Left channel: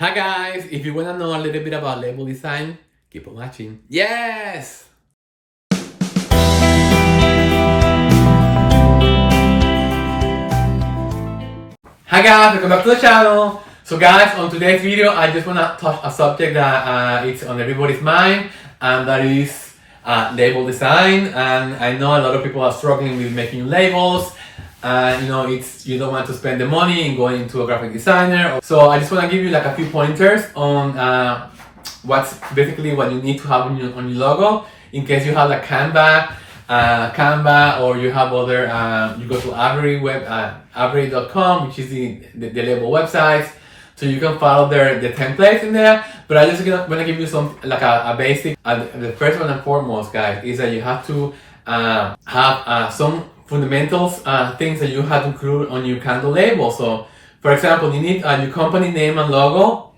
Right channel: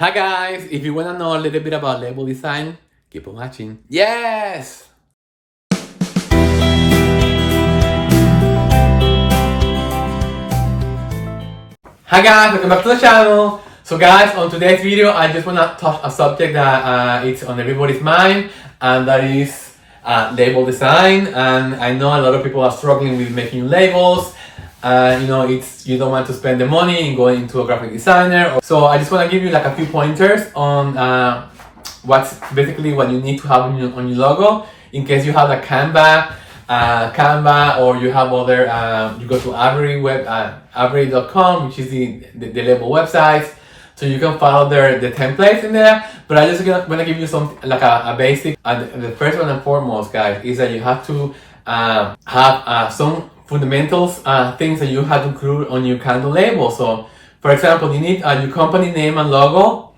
Hi guys, if you want to know a little bit about label design, keep on watching. Yes! Hi guys, welcome back to the channel. So guys, on today's video, I just want to touch a subject that it's on everybody's mind, and that is label design. And I know a lot of people are struggling with making labels. You don't want to spend the money in going into a graphic designer. So I just want to give you like a few pointers on what's basically what you need to have on your logo, in case you have like Canva, or you have other, you go to Avery.com, which is the label website. So you can follow the templates in there. But I just want to give you some like a basic. The first one and foremost, guys, is that you have to have some fundamentals, things that you have to include on your candle label. So, for example, you need your company name and logo.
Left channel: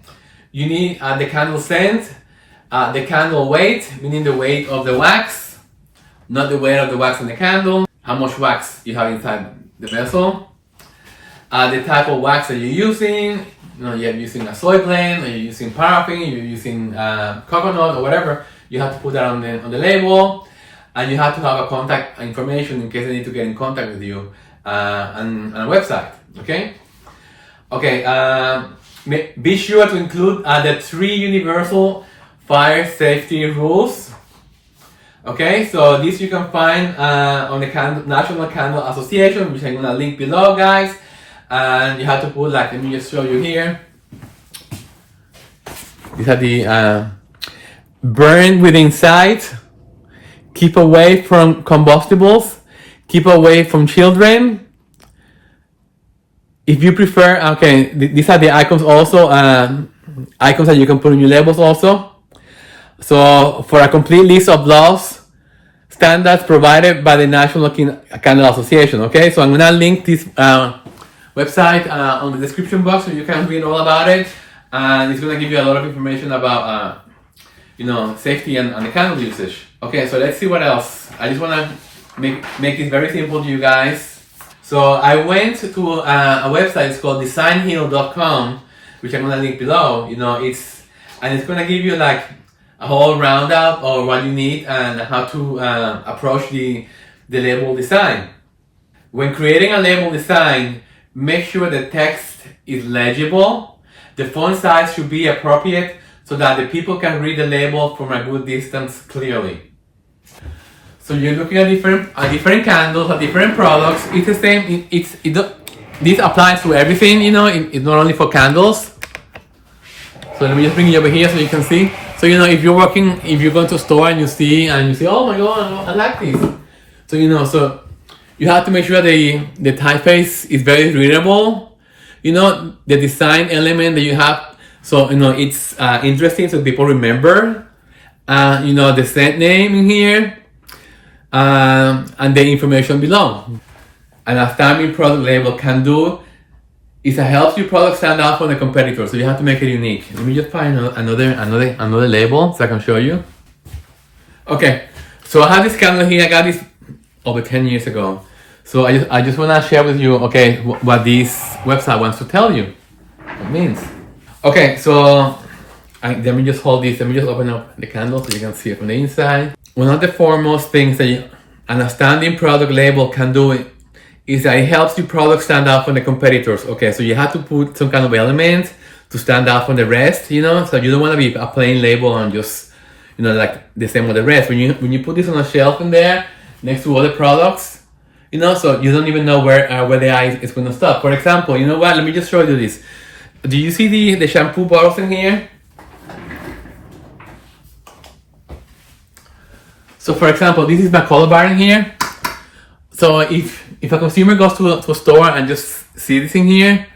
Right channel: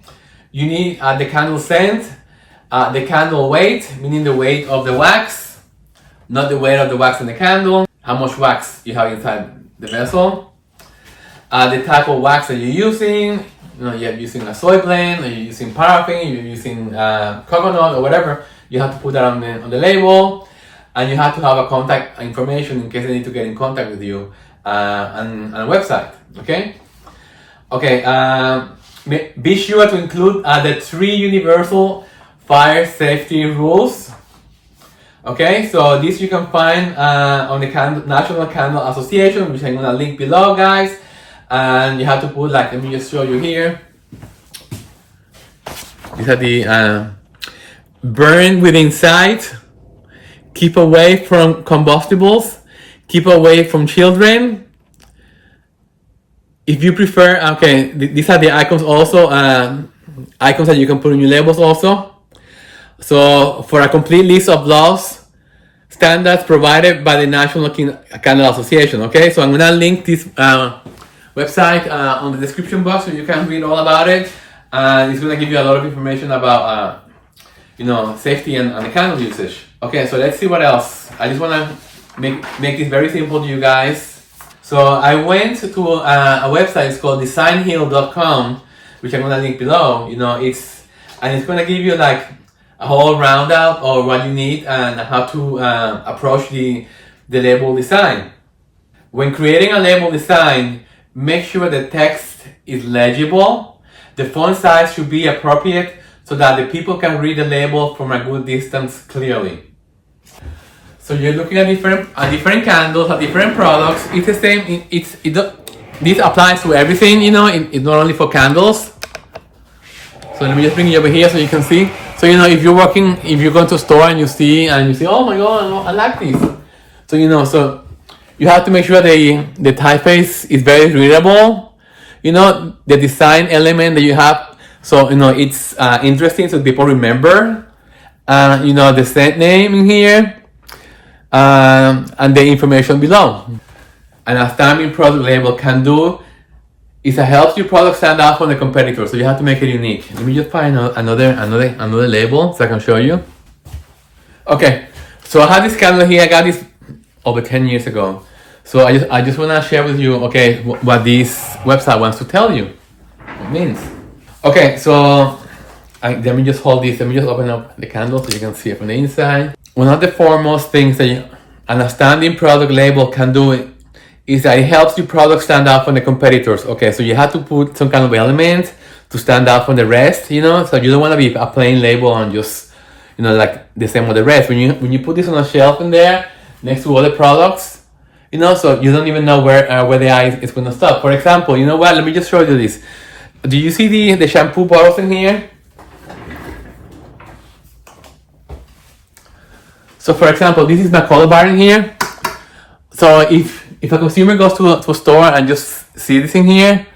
You need the candle scent, the candle weight, meaning the weight of the wax, not the weight of the wax in the candle, how much wax you have inside the vessel, the type of wax that you're using. You're using a soy blend, or you're using paraffin, you're using coconut, or whatever. You have to put that on the label. And you have to have a contact information in case they need to get in contact with you, and a website. Okay. Be sure to include the 3 universal fire safety rules. Okay, so this you can find on the National Candle Association, which I'm gonna link below, guys. And you have to put, like, let me just show you here. These are the burn within sight. Keep away from combustibles. Keep away from children. If you prefer, these are the icons also, icons that you can put in your labels also. So for a complete list of laws, standards provided by the National Candle Association, okay? So I'm gonna link this website on the description box so you can read all about it. And it's gonna give you a lot of information about safety and the candle usage. Okay, so let's see what else. I just want to make this very simple to you guys. So I went to a website. It's called designheal.com, which I'm going to link below. It's going to give you like a whole roundup of what you need and how to approach the label design. When creating a label design, make sure the text is legible. The font size should be appropriate so that the people can read the label from a good distance clearly. So you're looking at different candles, at different products. It's the same. This applies to everything. It's not only for candles. So let me just bring it over here so you can see. So if you're going to a store and you see, oh my God, I like this. So so you have to make sure the typeface is very readable. The design element that you have. So, it's interesting so people remember, the scent name in here, and the information below. And a stamping product label can do is it helps your product stand out from the competitor. So you have to make it unique. Let me just find another label so I can show you. Okay, so I have this candle here. I got this over 10 years ago. So I just want to share with you, what this website wants to tell you. What it means. Okay, so let me just hold this. Let me just open up the candle so you can see it from the inside. One of the foremost things that an standing product label can do is that it helps your product stand out from the competitors. Okay, so you have to put some kind of element to stand out from the rest, so you don't want to be a plain label and just, like the same with the rest. When you put this on a shelf in there next to other products, so you don't even know where the eye is going to stop. For example, let me just show you this. Do you see the shampoo bottles in here? So for example, this is my color bar in here. So if a consumer goes to a store and just see this in here,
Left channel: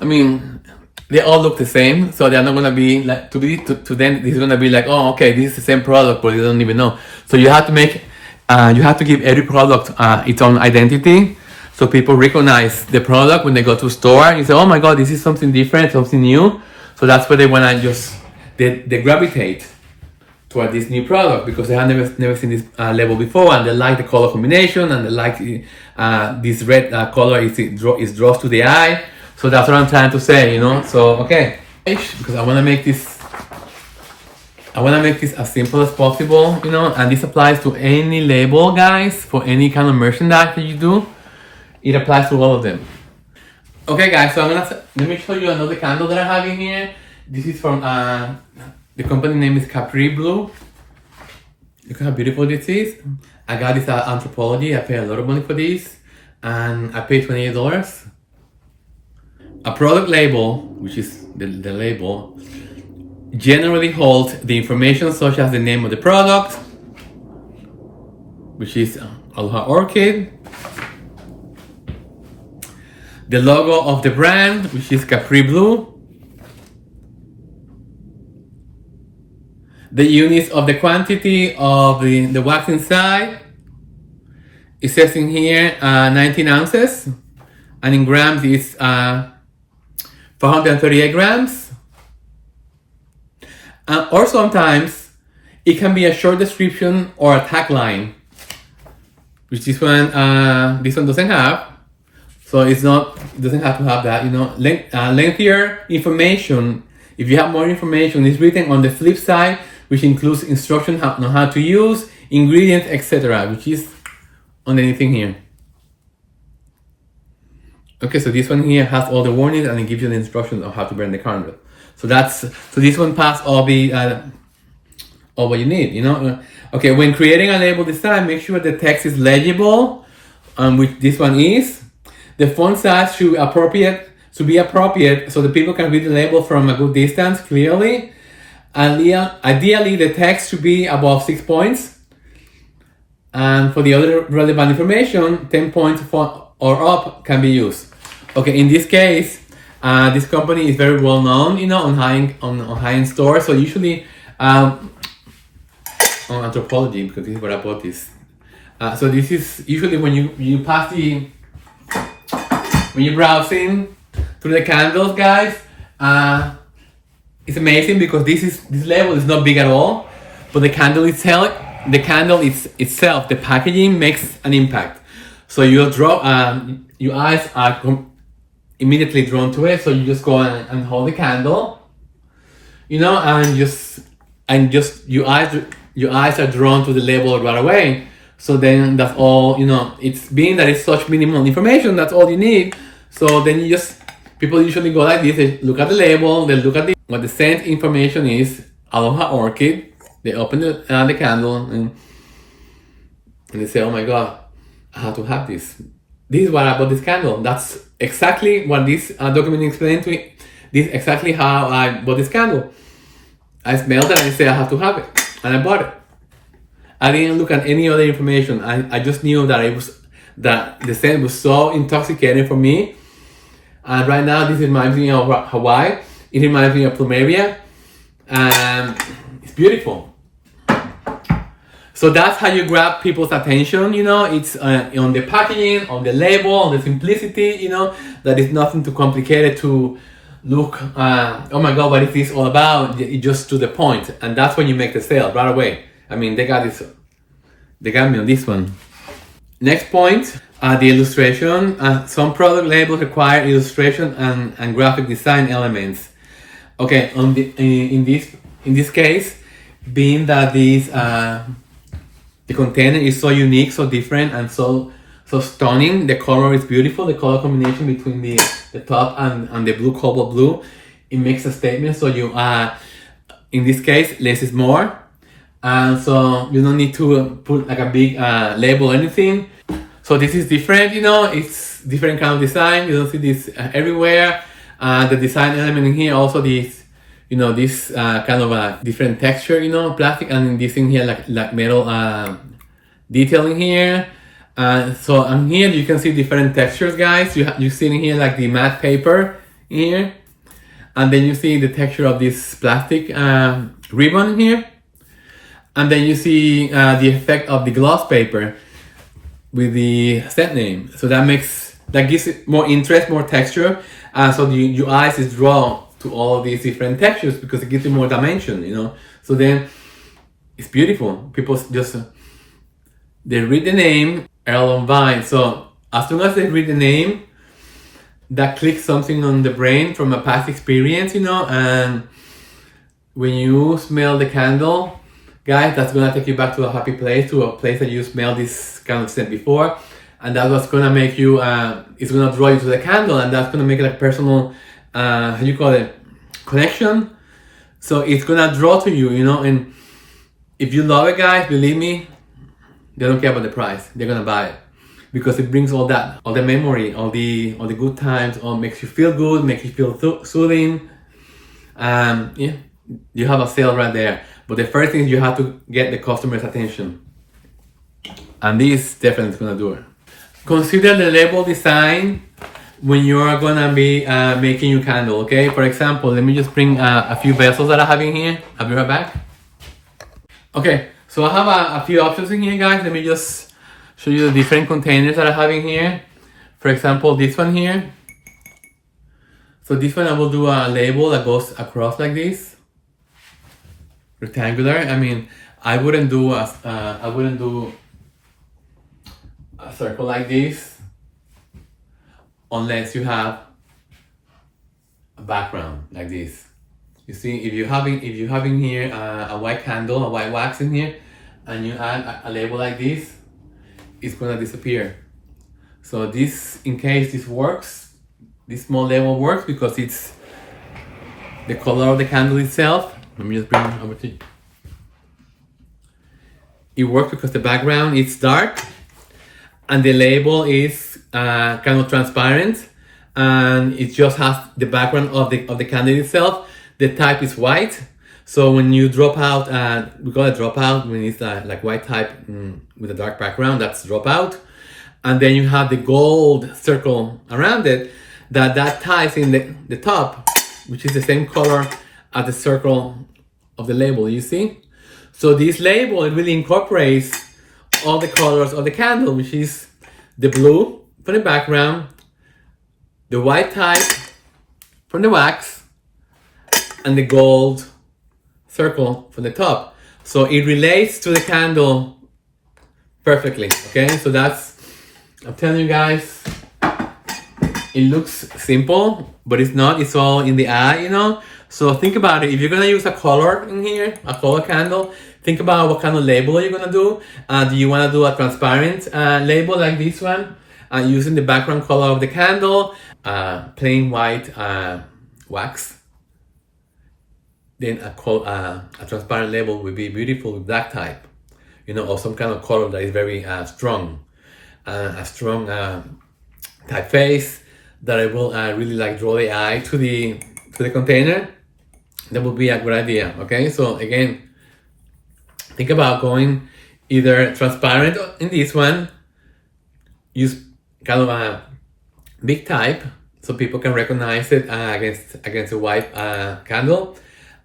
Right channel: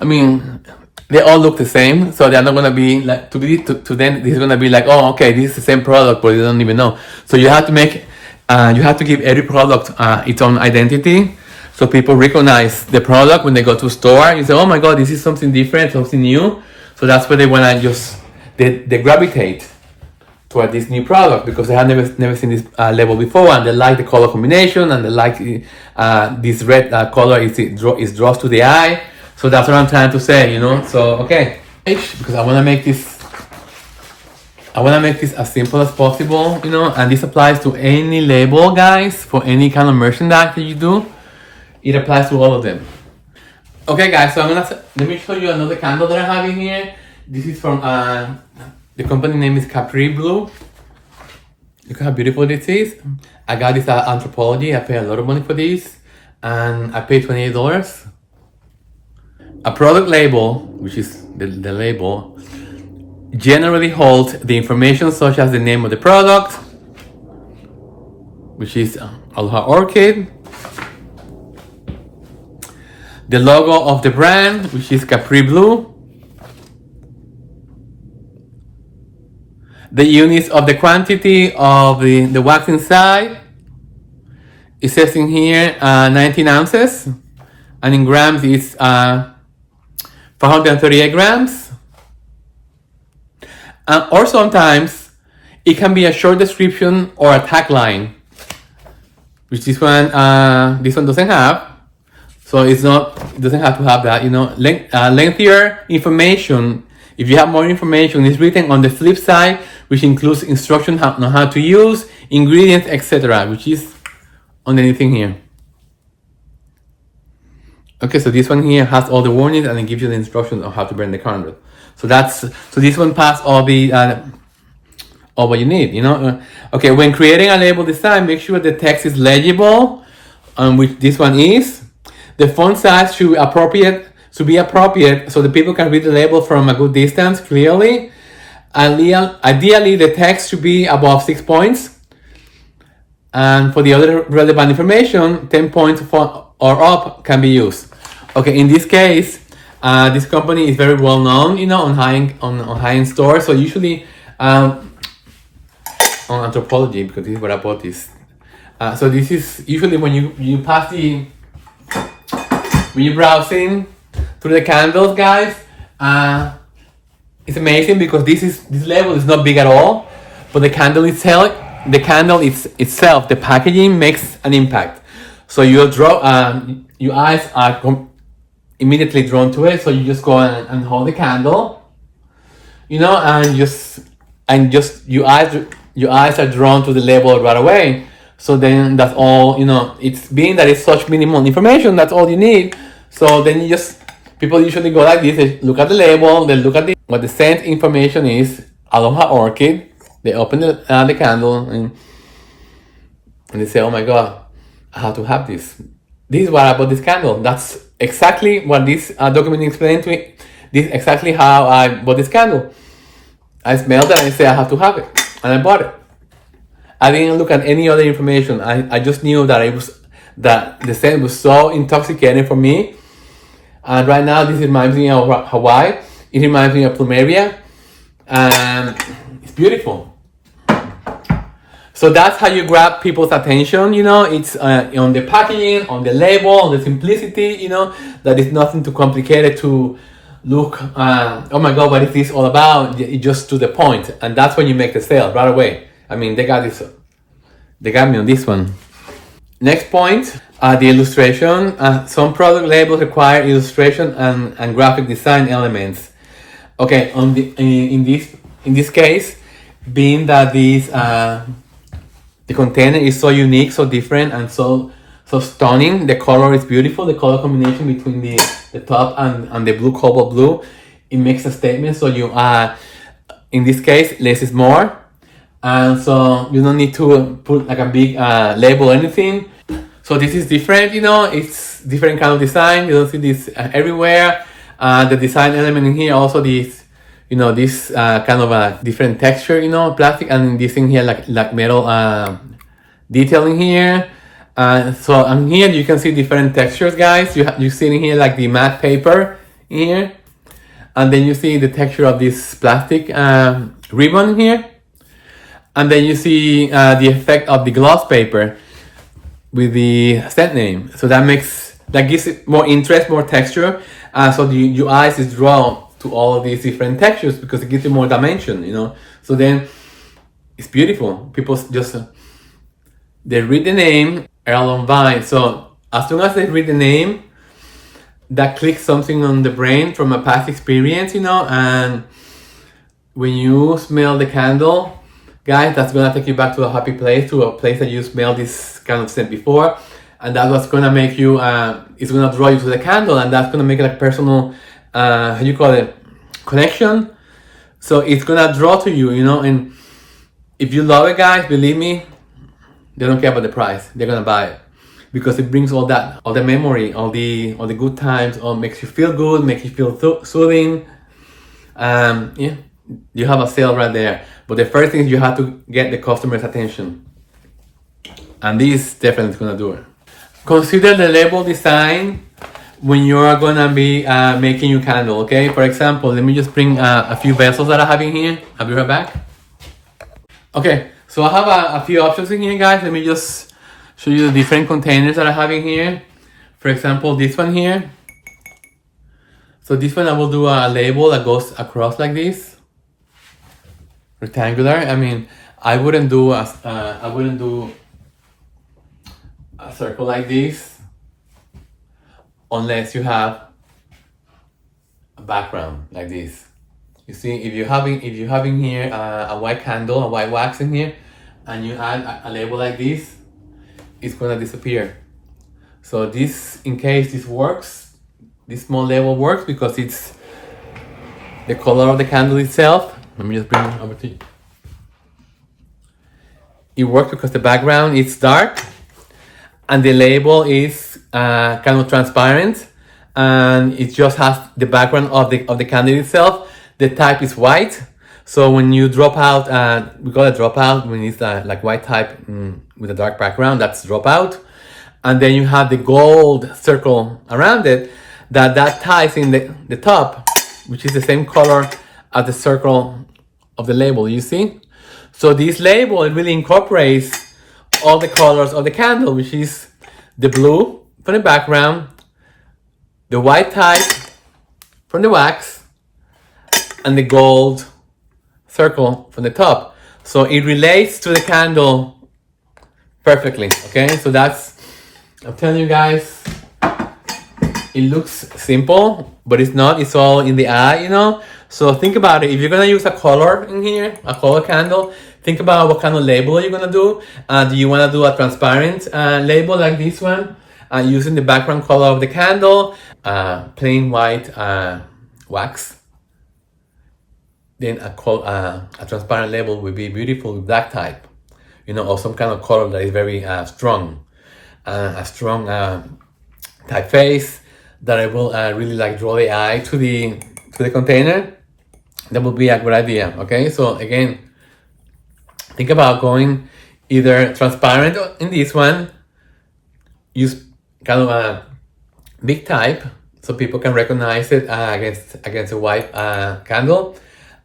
they all look the same. So they're not gonna be like, to them, this is gonna be like, oh, okay, this is the same product, but they don't even know. So you have to give every product its own identity. So people recognize the product when they go to a store. You say, oh my God, this is something different, something new. So that's where they want to they gravitate toward this new product because they have never seen this label before, and they like the color combination, and they like this red color is draws to the eye. So that's what I'm trying to say, So, okay. because I want to make this as simple as possible, you know, and this applies to any label, guys, for any kind of merchandise that you do. It applies to all of them. Okay, guys, so let me show you another candle that I have in here. This is from the company name is Capri Blue. Look how beautiful this is. I got this at Anthropology. I paid a lot of money for this, and I paid $28. A product label, which is the label, generally holds the information such as the name of the product, which is Aloha Orchid, the logo of the brand, which is Capri Blue, the units of the quantity of the wax inside. It says in here 19 ounces, and in grams it's 438 grams. Or sometimes it can be a short description or a tagline, which this one doesn't have. So it doesn't have to have that, you know. Lengthier information. If you have more information, it's written on the flip side, which includes instructions on how to use, ingredients, etc., which is on anything here. Okay, so this one here has all the warnings and it gives you the instructions on how to burn the candle. So this one passed all what you need, you know. Okay, when creating a label design, make sure the text is legible, which this one is. The font size should be appropriate so the people can read the label from a good distance clearly. Ideally, the text should be above 6 points. And for the other relevant information, 10 points or up can be used. Okay, in this case, this company is very well known, you know, on high-end stores. So usually on Anthropology, because this is where I bought this. So this is usually when you pass when you're browsing through the candles, guys. It's amazing because this label is not big at all, but the candle itself, the packaging makes an impact. So your eyes are immediately drawn to it. So you just go and hold the candle, you know, and your eyes are drawn to the label right away. So then that's all, you know. It's being that it's such minimal information, that's all you need. So then people usually go like this. They look at the label, they look at what the scent information is, Aloha Orchid. They open the candle and they say, oh my God, I have to have this. This is why I bought this candle. That's exactly what this document explained to me. This is exactly how I bought this candle. I smelled it and I said I have to have it. And I bought it. I didn't look at any other information. I just knew that the scent was so intoxicating for me. And right now this reminds me of Hawaii. It reminds me of Plumeria. And it's beautiful. So that's how you grab people's attention, you know. It's on the packaging, on the label, on the simplicity, you know. That is nothing too complicated to look, oh my God, what is this all about? It's just to the point. And that's when you make the sale right away. I mean, they got me on this one. Next point, the illustration. Some product labels require illustration and graphic design elements. Okay, in this case, being that the container is so unique, so different, and so stunning. The color is beautiful. The color combination between the top and the blue cobalt blue, it makes a statement. So you in this case, less is more. And so you don't need to put like a big label or anything. So this is different, you know, it's different kind of design. You don't see this everywhere. The design element in here also this, you know, this kind of a different texture, you know, plastic, and this thing here like metal detail in here. So on here you can see different textures, guys. You see in here like the matte paper in here, and then you see the texture of this plastic ribbon in here. And then you see the effect of the gloss paper with the scent name. So that gives it more interest, more texture. So your eyes is drawn to all these different textures because it gives you more dimension, you know. So then it's beautiful. People just, they read the name, Lombard. So as soon as they read the name, that clicks something on the brain from a past experience, and when you smell the candle, guys, that's gonna take you back to a happy place, to a place that you smelled this kind of scent before, and that's what's gonna make you, it's gonna draw you to the candle, and that's gonna make it like personal, how do you call it, connection. So it's gonna draw to you, and if you love it, guys, believe me, they don't care about the price. They're gonna buy it because it brings all the memory, all the good times, all makes you feel good, makes you feel soothing. Yeah, you have a sale right there. But the first thing is you have to get the customer's attention, and this definitely is gonna do it. Consider the label design when you're gonna be making your candle. Okay, for example, let me just bring a few vessels that I have in here. I'll be right back. Okay, so I have a few options in here, guys. Let me just show you the different containers that I have in here. For example, this one here. So this one I will do a label that goes across like this, rectangular. I mean, I wouldn't do a circle like this unless you have a background like this. You see, if you have in here a white candle, a white wax in here, and you add a label like this, it's gonna disappear. So this, in case this works, this small label works because it's the color of the candle itself. Let me just bring it over to you. It works because the background is dark and the label is kind of transparent, and it just has the background of the candle itself. The type is white, so when you drop out, we call it dropout when it's like white type with a dark background. That's dropout, and then you have the gold circle around it that ties in the top, which is the same color as the circle of the label. You see, so this label, it really incorporates all the colors of the candle, which is the blue from the background, the white type from the wax, and the gold circle from the top. So it relates to the candle perfectly, okay? So that's, I'm telling you guys, it looks simple, but it's not. It's all in the eye, So think about it. If you're gonna use a color in here, a color candle, think about what kind of label you're gonna do. Do you wanna do a transparent label like this one, using the background color of the candle, plain white wax? Then a transparent label would be beautiful with black type, or some kind of color that is very strong, a strong typeface that it will really like draw the eye to the container. That would be a good idea. Okay, so again, think about going either transparent in this one, use kind of a big type so people can recognize it against a white candle.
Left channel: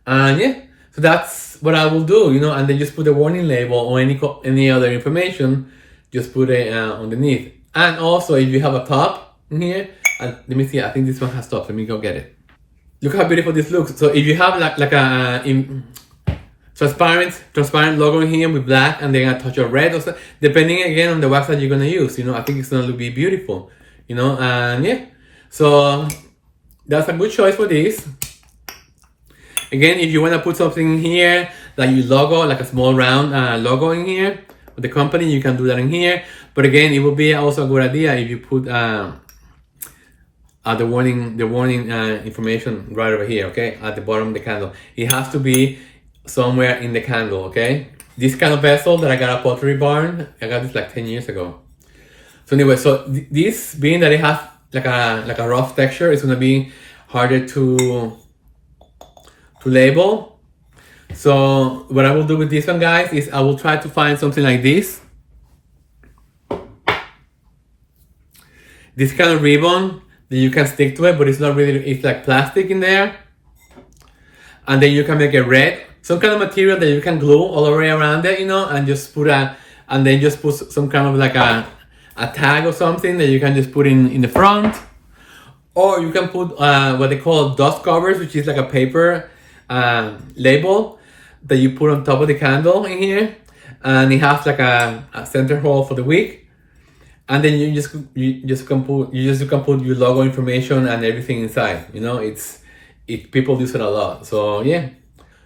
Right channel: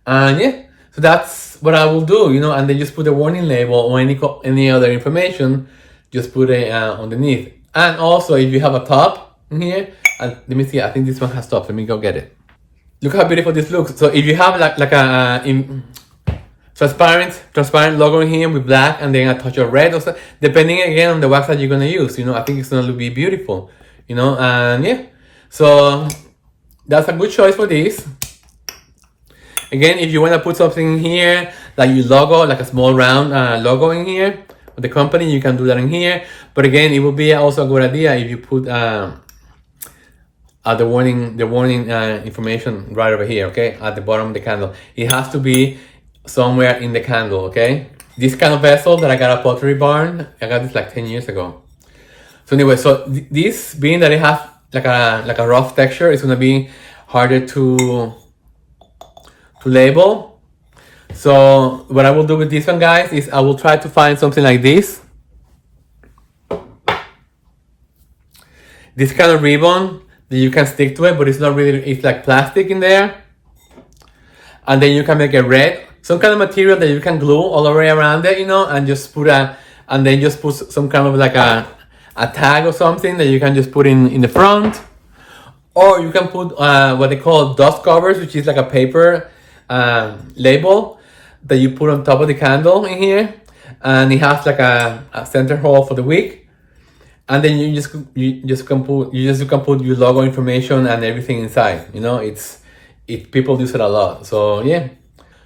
And yeah, so that's what I will do, and then just put a warning label or any other information, just put it underneath. And also, if you have a top in here, let me see, I think this one has top. Let me go get it. Look how beautiful this looks. So if you have like a transparent logo in here with black and then a touch of red, or so, depending again on the wax that you're gonna use, I think it's gonna be beautiful, and yeah, so that's a good choice for this. Again, if you want to put something in here, like your logo, like a small round logo in here with the company, you can do that in here. But again, it would be also a good idea if you put the warning information right over here, okay, at the bottom of the candle. It has to be somewhere in the candle, okay. This kind of vessel that I got at Pottery Barn, I got this like 10 years ago. So anyway, so this, being that it has like a rough texture, it's gonna be harder to label. So what I will do with this one, guys, is I will try to find something like this kind of ribbon that you can stick to it, but it's not really, it's like plastic in there, and then you can make it red, some kind of material that you can glue all the way around it, and just put some kind of like a tag or something that you can just put in the front, or you can put what they call dust covers, which is like a paper label that you put on top of the candle in here, and it has like a center hole for the wick, and then you can put your logo information and everything inside. You know, people use it a lot. So yeah,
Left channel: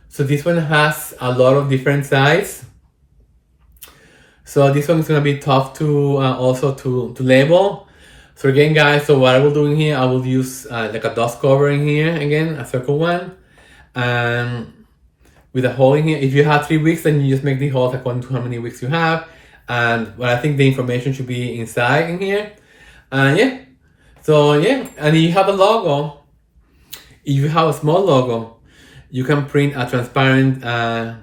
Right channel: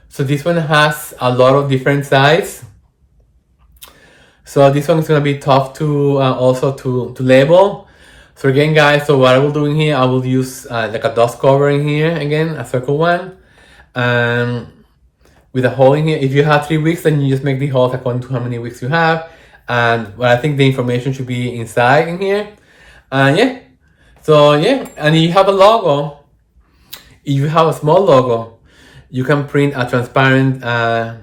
so this one has a lot of different sizes. So this one is gonna be tough to also to label. So again, guys, so what I will do in here, I will use like a dust cover in here again, a circle one, with a hole in here. If you have 3 weeks, then you just make the holes according to how many weeks you have. And well, I think the information should be inside in here. Yeah. So yeah, and you have a logo. If you have a small logo, you can print a transparent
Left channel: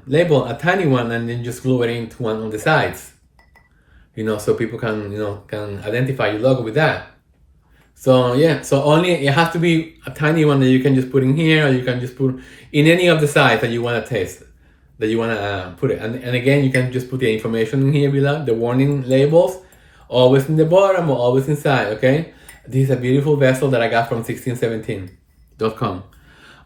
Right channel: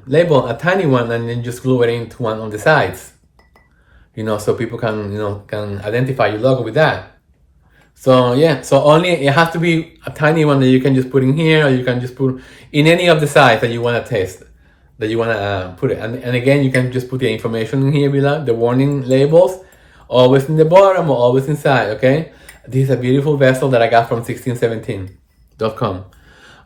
label, a tiny one, and then just glue it into one on the sides. You know, so people can identify your logo with that. So yeah, so only it has to be a tiny one that you can just put in here, or you can just put in any of the sides that you want to test, that you want to put it. And again, you can just put the information in here below, the warning labels, always in the bottom or always inside, okay? This is a beautiful vessel that I got from 1617.com.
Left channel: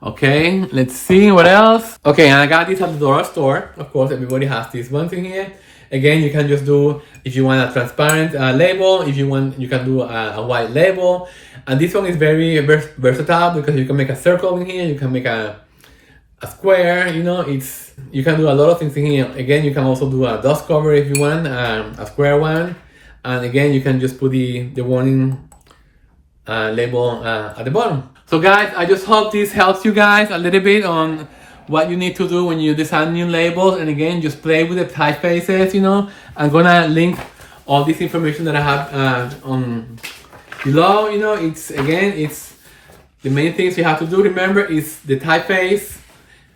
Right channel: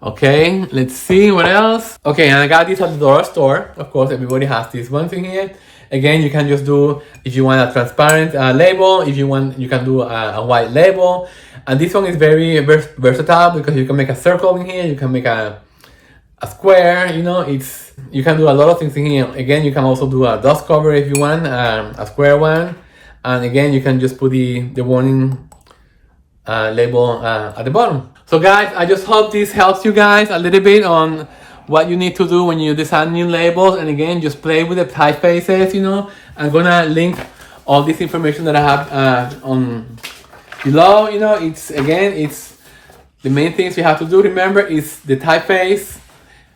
Okay, let's see what else. Okay, and I got this at the dollar store. Of course, everybody has these ones in here. Again, you can just do, if you want a transparent label, if you want, you can do a white label. And this one is very versatile because you can make a circle in here, you can make a square, you know, you can do a lot of things in here. Again, you can also do a dust cover if you want, a square one. And again, you can just put the warning label at the bottom. So guys, I just hope this helps you guys a little bit on what you need to do when you design new labels. And again, just play with the typefaces, you know. I'm gonna link all this information that I have on below, you know. It's the main things you have to do, remember, is the typeface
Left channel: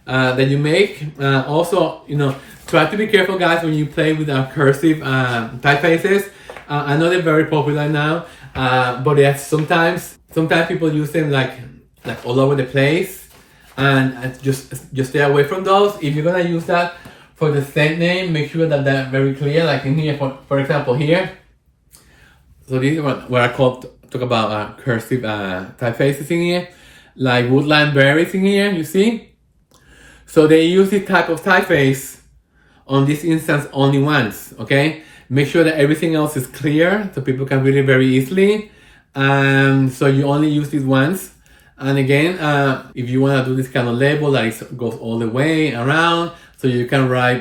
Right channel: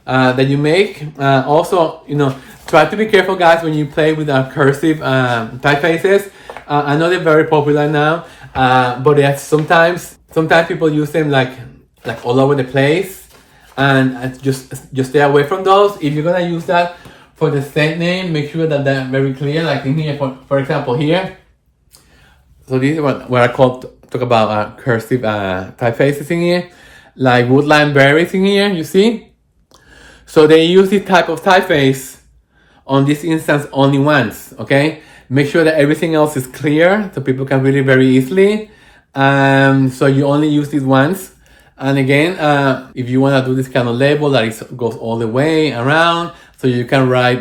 that you make. Also, you know, try to be careful, guys, when you play with cursive typefaces. I know they're very popular now, but sometimes people use them like all over the place. And just stay away from those. If you're gonna use that for the Saint name, make sure that that's very clear. Like in here, for example, here. So this is what I talk about cursive typefaces in here, like woodland berries in here. You see? So they use this type of typeface on this instance only once. Okay. Make sure that everything else is clear so people can read it very easily. So you only use this once. And again, if you want to do this kind of label that goes all the way around, so you can write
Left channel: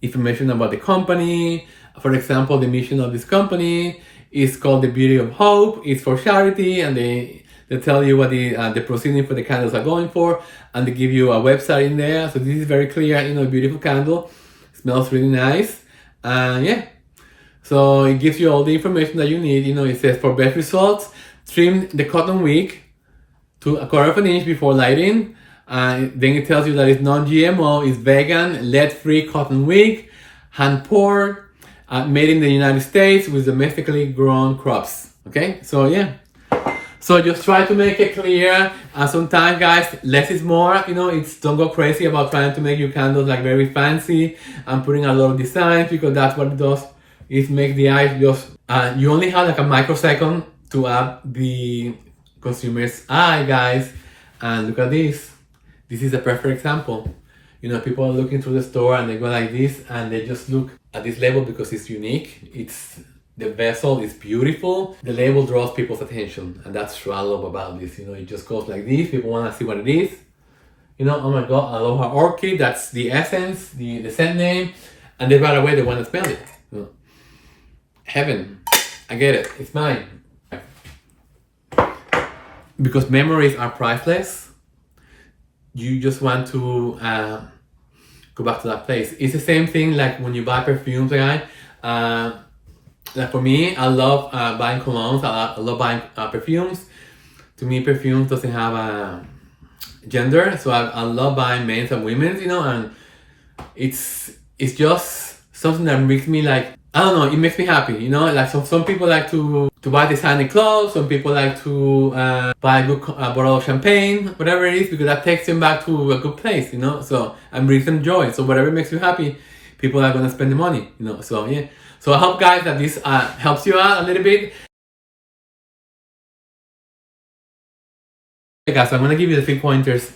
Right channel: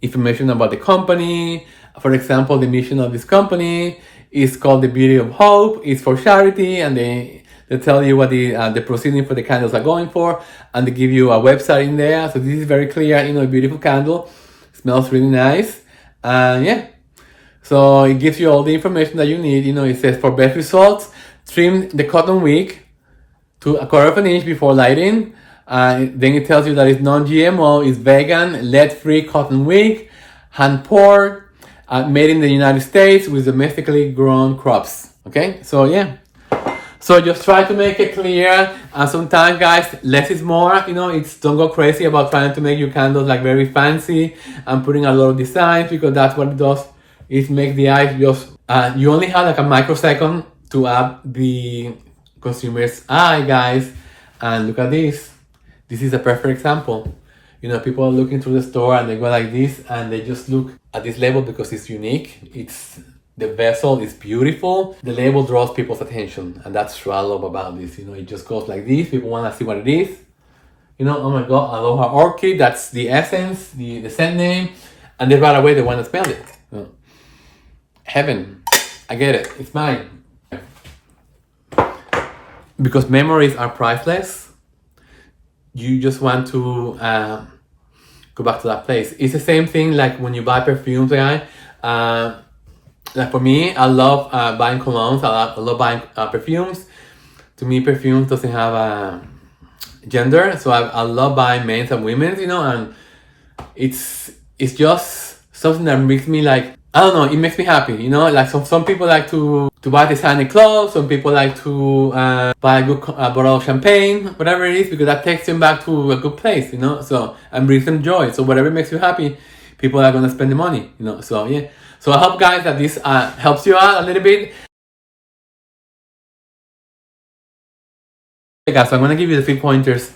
information about the company. For example, the mission of this company is called the Beauty of Hope. It's for charity, and they tell you what the proceeding for the candles are going for, and they give you a website in there. So this is very clear, you know, a beautiful candle. Smells really nice. Yeah. So it gives you all the information that you need. You know, it says for best results, trim the cotton wick to 1/4 of an inch before lighting. Then it tells you that it's non-GMO, it's vegan, lead-free cotton wick, hand-poured, made in the United States with domestically grown crops. Okay, so yeah. So just try to make it clear. And sometimes, guys, less is more. You know, don't go crazy about trying to make your candles like very fancy and putting a lot of designs, because that's what it does. It makes the eye just. You only have like a microsecond to add the consumer's eye, guys. And look at this. This is a perfect example. You know, people are looking through the store and they go like this and they just look at this label because it's unique. The vessel is beautiful. The label draws people's attention, and that's what I love about this. You know, it just goes like this. People want to see what it is. You know, oh my God, Aloha Orchid. That's the essence, the scent name, and then right away they want to smell it. Heaven, I get it. It's mine. Because memories are priceless. You just want to go back to that place. It's the same thing like when you buy perfumes, guys. Like for me, I love buying colognes. I love buying perfumes. To me, perfumes doesn't have a gender, so I love buying men's and women's. You know, and it's just something that makes me like, I don't know. It makes me happy. You know, like some people like to buy designer clothes. Some people like to buy a good bottle of champagne, whatever it is, because that takes them back to a good place. You know, so and brings them joy. So whatever makes you happy, people are gonna spend the money. You know, so yeah. So I hope, guys, that this helps you out a little bit. Okay, guys, so I'm gonna give you the 3 pointers.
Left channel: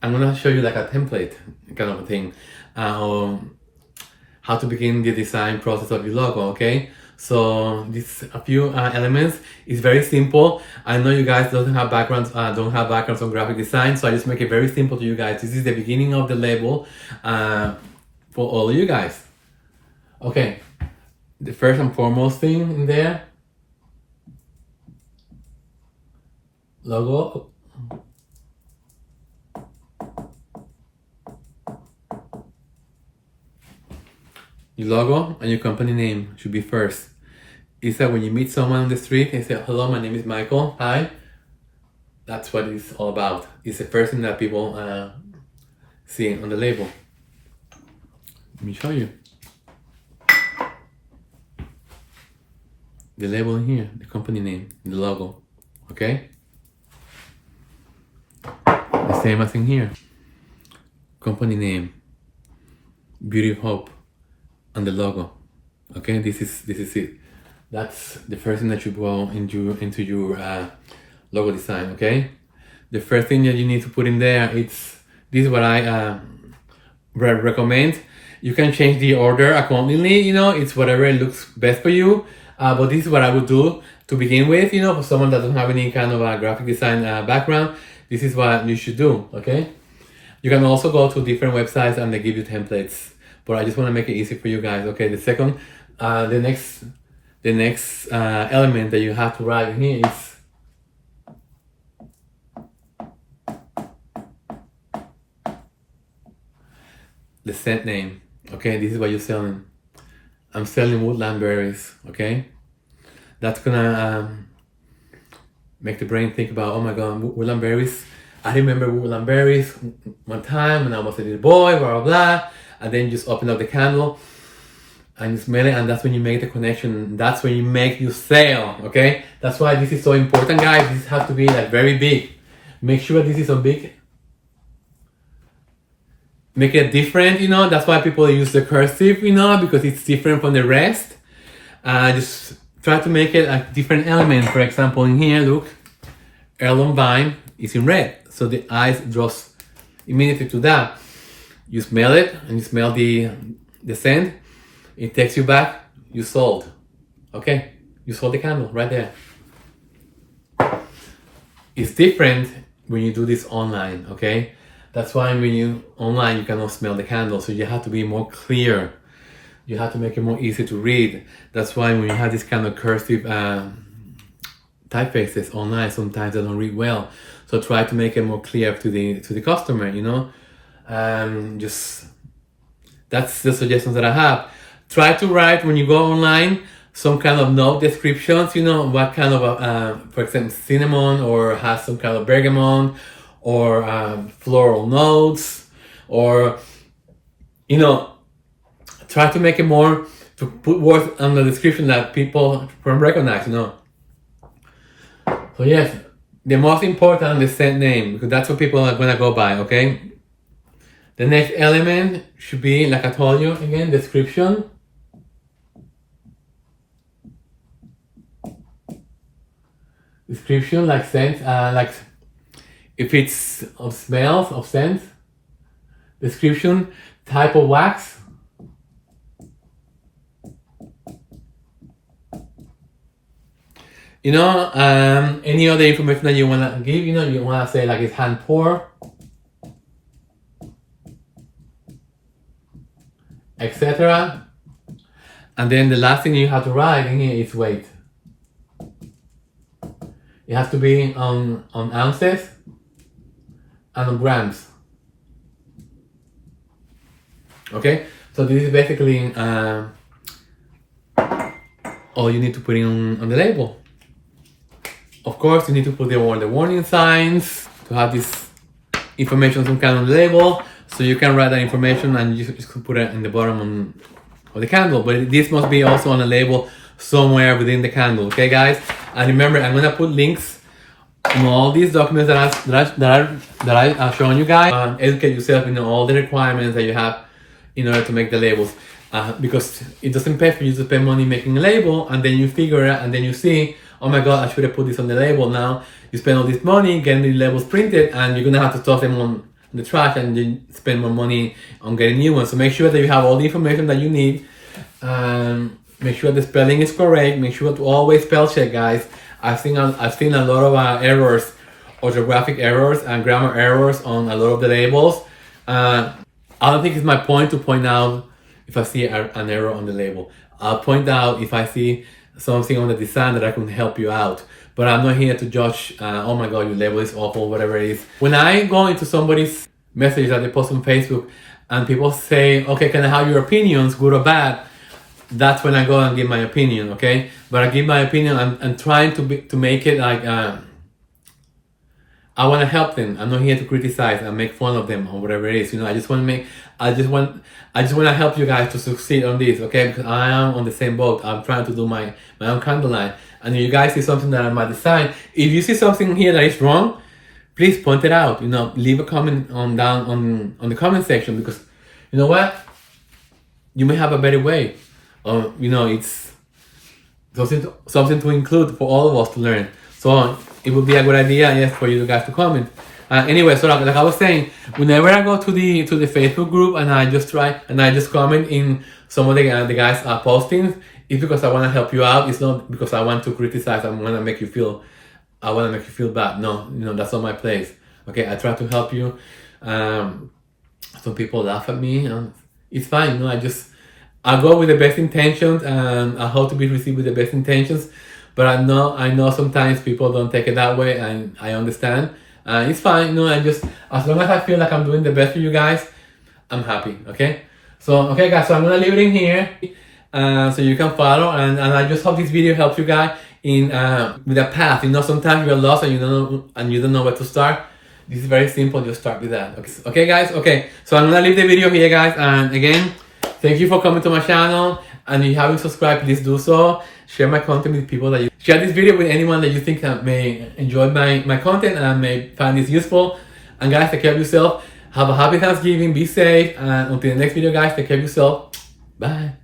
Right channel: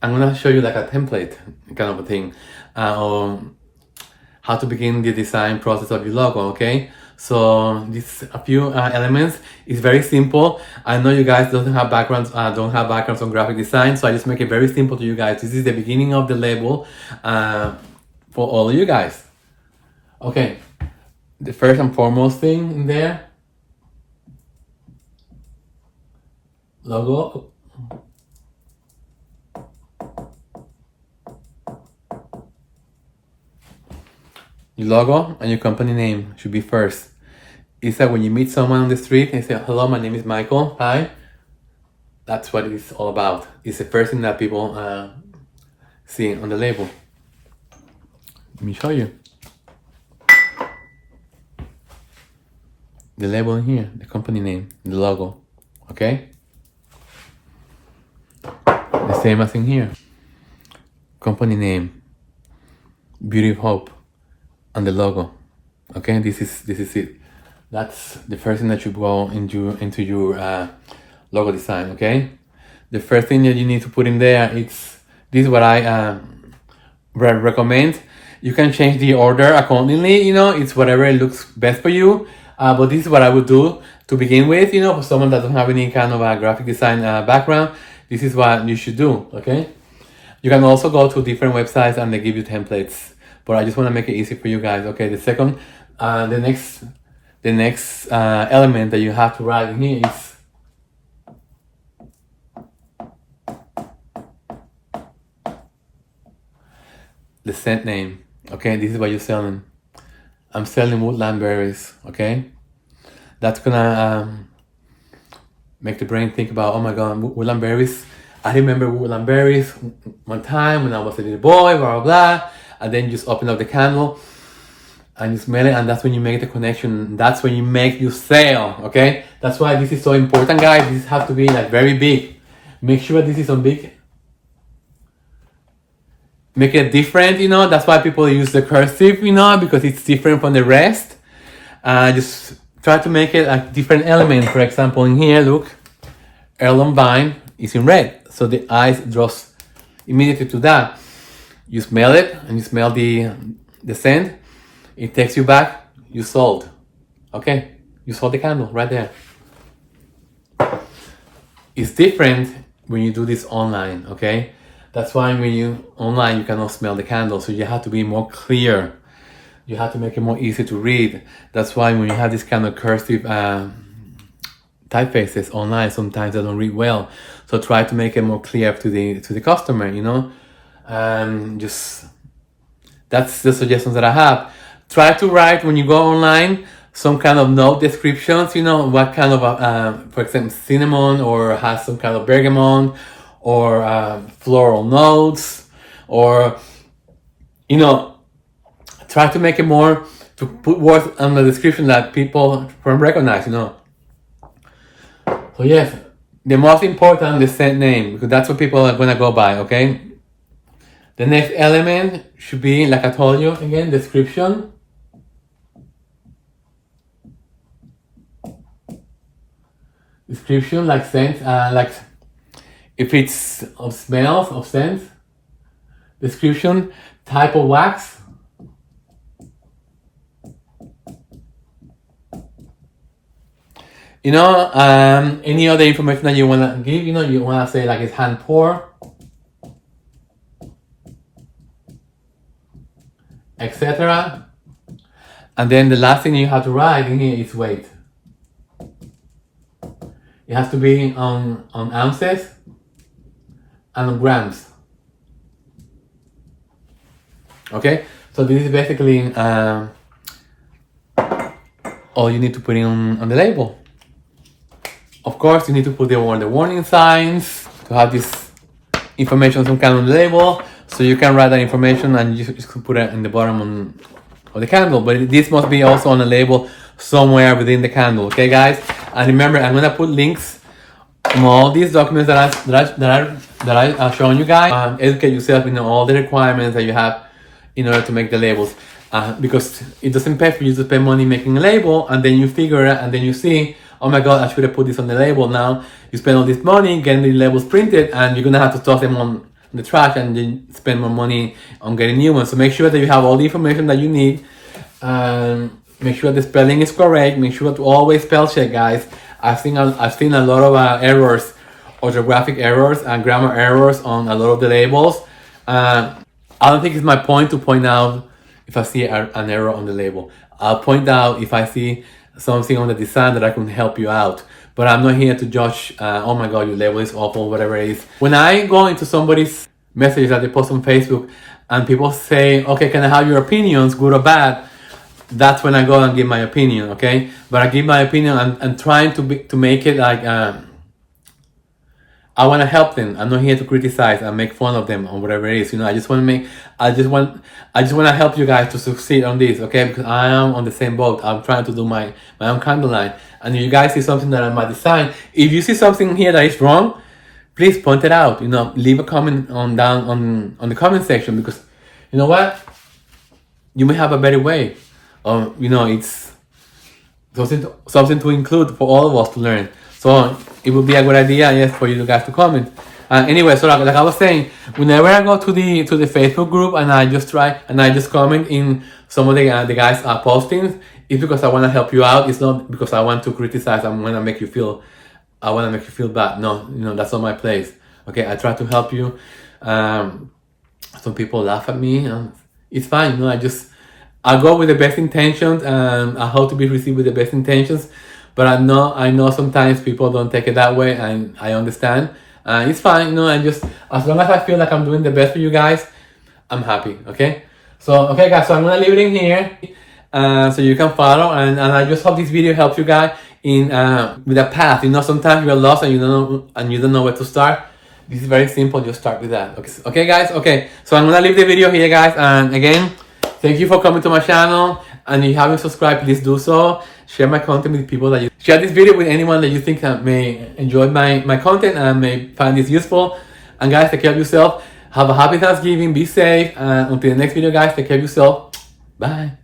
I'm gonna show you like a template kind of a thing, how to begin the design process of your logo. Okay, So these a few elements. It's very simple. I know you guys don't have backgrounds on graphic design, so I just make it very simple to you guys. This is the beginning of the label for all of you guys. Okay, the first and foremost thing in there, logo. Your logo and your company name should be first. It's that when you meet someone on the street and say, hello, my name is Michael, hi. That's what it's all about. It's the first thing that people see on the label. Let me show you. The label in here, the company name, the logo, okay? The same as in here. Company name, Beauty of Hope, and the logo, okay? This is it. That's the first thing that you go into your logo design, okay? The first thing that you need to put in there, this is what I recommend. You can change the order accordingly, it's whatever looks best for you. But this is what I would do to begin with, for someone that doesn't have any kind of a graphic design background. This is what you should do, okay? You can also go to different websites and they give you templates. But I just want to make it easy for you guys, okay? The second, the next element that you have to write in here is the scent name, okay? This is what you're selling. I'm selling woodland berries, okay? That's gonna make the brain think about, oh my god, woodland berries. I remember woodland berries one time when I was a little boy, blah, blah, blah. And then you just open up the candle and you smell it, and that's when you make the connection. That's when you make your sale, okay? That's why this is so important, guys. This has to be like very big. Make sure this is on big. Make it different, that's why people use the cursive, because it's different from the rest. Just try to make it a different element. For example, in here, look, heirloom vine is in red, so the eyes draws immediately to that. You smell it, and you smell the scent. It takes you back. You sold, okay? You sold the candle right there. It's different when you do this online, okay? That's why when you online, you cannot smell the candle. So you have to be more clear. You have to make it more easy to read. That's why when you have this kind of cursive typefaces online, sometimes they don't read well. So try to make it more clear to the customer, Just that's the suggestions that I have. Try to write when you go online some kind of note descriptions. What kind of, for example, cinnamon, or has some kind of bergamot, or floral notes, or try to make it more, to put words on the description that people can recognize. So yes, the most important, the scent name, because that's what people are gonna go by, okay? The next element should be, like I told you again, description. Description, like scent, like if it's of smells, of scents. Description, type of wax. Any other information that you wanna give, you wanna say like it's hand pour, etc. And then the last thing you have to write in here is weight. It has to be on ounces and on grams. Okay, so this is basically all you need to put in on the label. Of course, you need to put the warning signs to have this information some kind of label, so you can write that information and you just put it in the bottom of the candle. But this must be also on the label somewhere within the candle. Okay, guys. And remember, I'm gonna put links on all these documents that I've shown you guys. Educate yourself in all the requirements that you have in order to make the labels. Because it doesn't pay for you to spend money making a label, and then you figure it, and then you see, oh my god, I should have put this on the label. Now you spend all this money getting the labels printed, and you're gonna have to toss them on the trash and then spend more money on getting new ones. So make sure that you have all the information that you need. Make sure the spelling is correct. Make sure to always spell check, guys. I've seen a lot of errors, orthographic errors and grammar errors on a lot of the labels. I don't think it's my point to point out if I see an error on the label. I'll point out if I see something on the design that I can help you out. But I'm not here to judge, oh my god, your label is awful, whatever it is. When I go into somebody's message that they post on Facebook and people say, okay, can I have your opinions, good or bad? That's when I go and give my opinion, okay? But I give my opinion and trying to make it like, I want to help them. I'm not here to criticize and make fun of them or whatever it is. You know, I just want to help you guys to succeed on this, okay? Because I am on the same boat. I'm trying to do my own candle line. And if you guys see something that I might design, if you see something here that is wrong, please point it out. You know, leave a comment on the comment section, because you know what? You may have a better way. You know, it's something to include for all of us to learn. So it would be a good idea, yes, for you guys to comment. Anyway, so like I was saying, whenever I go to the Facebook group and I just comment in some of the guys' postings, it's because I want to help you out. It's not because I want to criticize. I want to make you feel bad. No, you know, that's not my place. Okay, I try to help you. Some people laugh at me. It's fine. You know, I go with the best intentions, and I hope to be received with the best intentions. But I know sometimes people don't take it that way, and I understand. It's fine, you know, and just as long as I feel like I'm doing the best for you guys, I'm happy, okay? So, okay guys, so I'm gonna leave it in here, so you can follow, and I just hope this video helps you guys in with a path. You know, sometimes you're lost and you don't know where to start. This is very simple, just start with that. Okay guys, okay, so I'm gonna leave the video here, guys, and again, thank you for coming to my channel, and if you haven't subscribed, please do so. Share my content with people share this video with anyone that you think may enjoy my content and may find this useful. And guys, take care of yourself. Have a happy Thanksgiving. Be safe. And until the next video, guys, take care of yourself. Bye.